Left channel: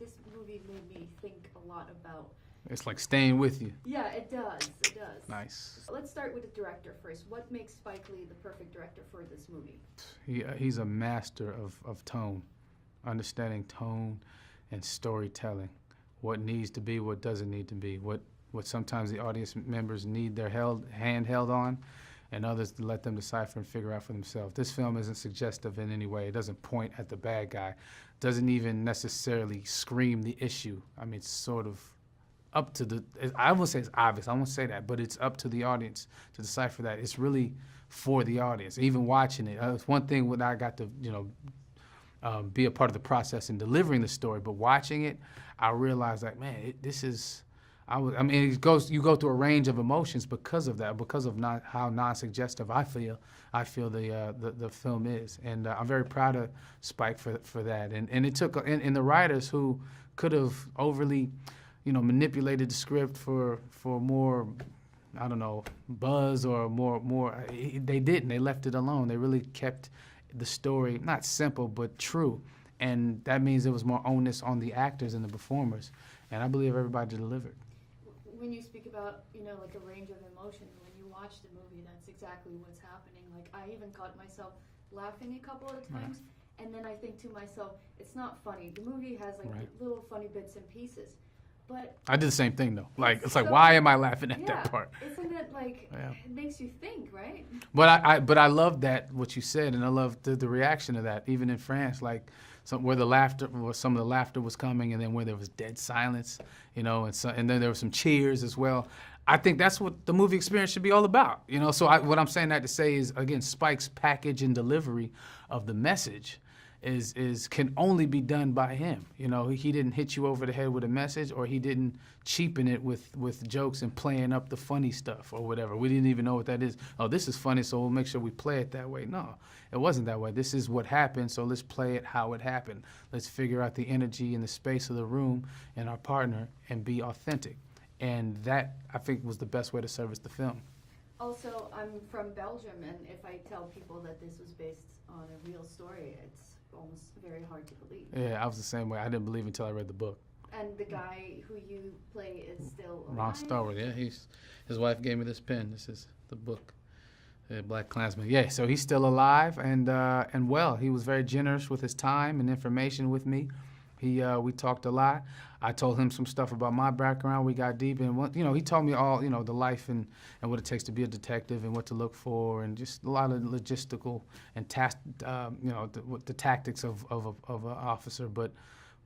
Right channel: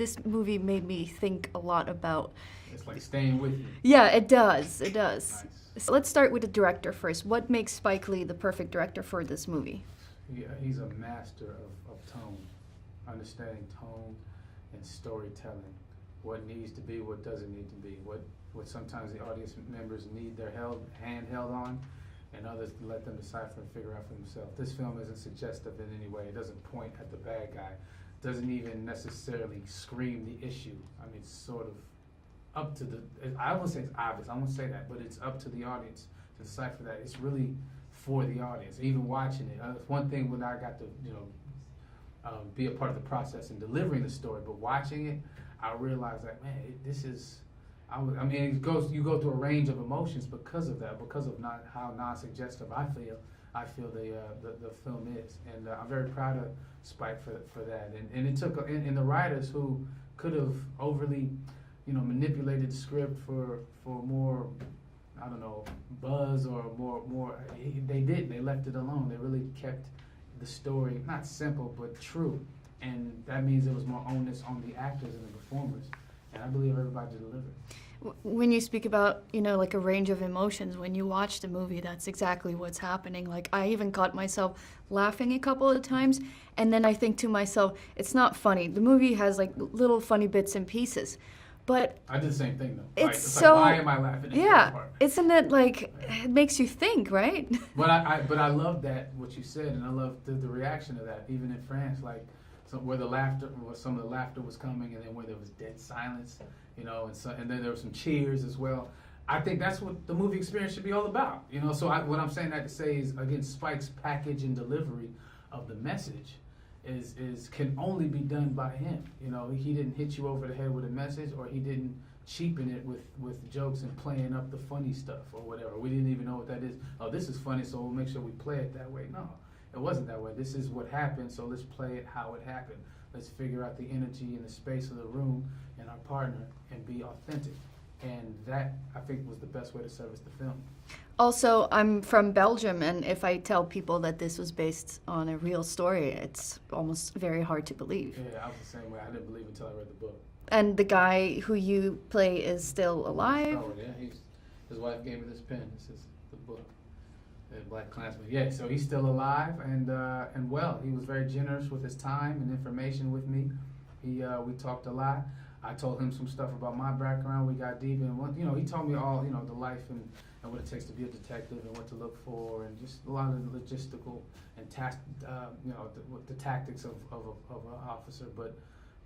this movie made me think a lot about. It's like staying with you. Yeah, it does. It does. Nice. So let's start with the director first. What makes Spike Lee the perfect director for this movie? He's a master of tone, understanding tone and storytelling. What needs to be, what doesn't need to be, what sometimes the audience members need their hand held on, and others to let them decipher and figure out for themselves. This film isn't suggestive in any way. It doesn't point at the bad guy. Doesn't even necessarily scream the issue. I mean, it's sort of up to the, I won't say it's obvious, I won't say that, but it's up to the audience to decipher that. It's really for the audience, even watching it. It's one thing when I got to, be a part of the process in delivering the story, but watching it, I realized like, man, you go through a range of emotions because of that, because of how non-suggestive I feel the film is, and I'm very proud of Spike for that. And it took and the writers who could have overly, manipulated the script for more, I don't know, buzz or more. They didn't. They left it alone. They really kept the story not simple but true, and that means it was more onus on the actors and the performers. And I believe everybody delivered. When you speak about, like a range of emotions, when you watch the movie, that's exactly what's happening. Like, I even caught myself laughing a couple of times, and then I think to myself, it's not funny. The movie has, like, little funny bits and pieces. But I did the same thing, though. It's like, why am I laughing at that part? Isn't it, like, it makes you think, right? But I love that, what you said, and I love the reaction to that, even in France, like, where some of the laughter was coming, and then where there was dead silence, and then there were some cheers as well. I think that's what the movie experience should be all about, So what I'm saying that to say is, again, Spike's package and delivery of the message can only be done by him. He didn't hit you over the head with a message, or he didn't cheapen it with jokes and playing up the funny stuff or whatever. We didn't even know what that is. Oh, this is funny, so we'll make sure we play it that way. No. It wasn't that way. This is what happened, so let's play it how it happened. Let's figure out the energy and the space of the room and our partner and be authentic. And that, I think, was the best way to service the film. Also, I'm from Belgium, and if I tell people that this was based on a real story, it's almost very hard to believe. Yeah, I was the same way. I didn't believe until I read the book. And the guy who you play is still alive? Ron Stallworth, yeah. His wife gave me this pen. This is the book. BlacKkKlansman. Yeah, so he's still alive and well. He was very generous with his time and information with me. We talked a lot. I told him some stuff about my background. We got deep, and he told me all the life and what it takes to be a detective and what to look for, and just a lot of logistical and the tactics of an officer. But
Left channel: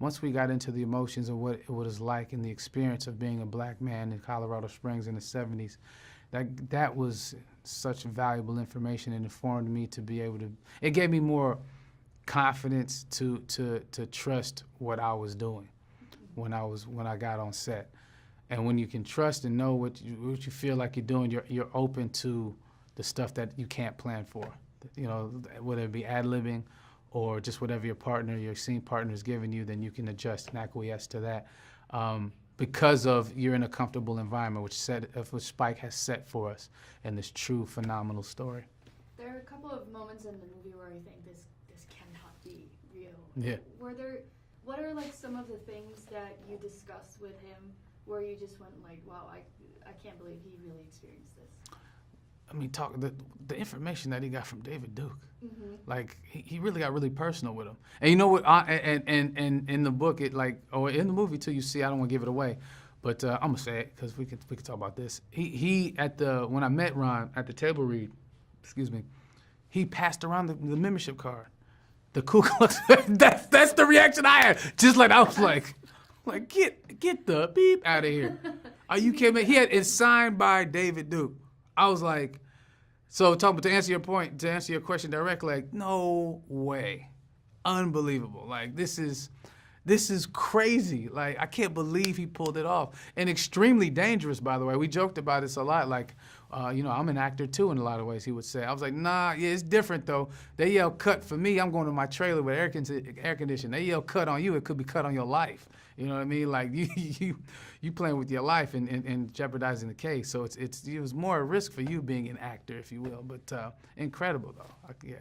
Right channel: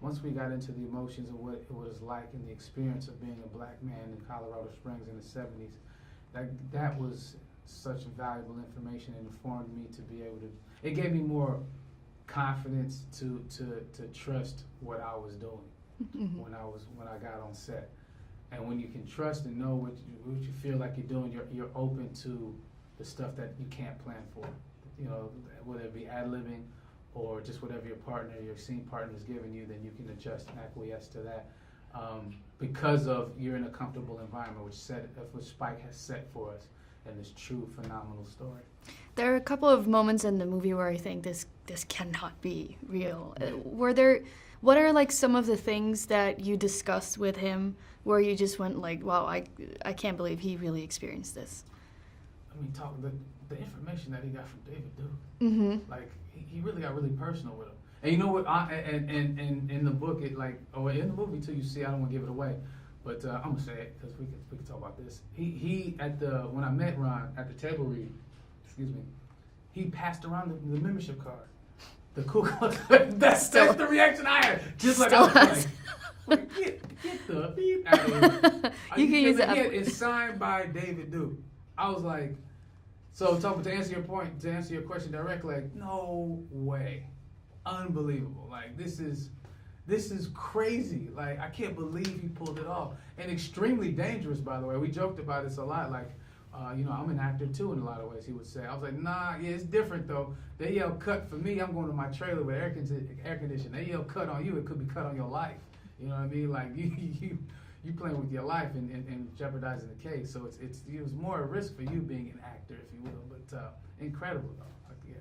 once we got into the emotions of what it was like and the experience of being a black man in Colorado Springs in the 70s, that was such valuable information, and informed me to be able to. It gave me more confidence to trust what I was doing when I got on set. And when you can trust and know what you feel like you're doing, you're open to the stuff that you can't plan for. Whether it be ad-libbing or just whatever your scene partner is giving you, then you can adjust and acquiesce to that. Because you're in a comfortable environment, which Spike has set for us in this true phenomenal story. There are a couple of moments in the movie where I think this cannot be real. Yeah. What are like some of the things that you discussed with him where you just went like, wow, I can't believe he really experienced this? I mean, the information that he got from David Duke, like he really got really personal with him. And you know what? And in the book, in the movie too, you see. I don't want to give it away, but I'm gonna say it because we could talk about this. When I met Ron at the table read, he passed around the membership card, the Ku Klux. That's the reaction I had. Just like I was like get the beep out of here. Are you kidding me? It's signed by David Duke. I was like, to answer your question directly, like, no way. Unbelievable. Like, this is crazy. Like, I can't believe he pulled it off. And extremely dangerous, by the way. We joked about this a lot. Like, I'm an actor too in a lot of ways, he would say. I was like, nah, yeah, it's different though. They yell cut for me. I'm going to my trailer with air conditioning. They yell cut on you. It could be cut on your life. You know what I mean? Like, you playing with your life and jeopardizing the case. So it was more a risk for you being an actor, if you will. But incredible though. Yeah.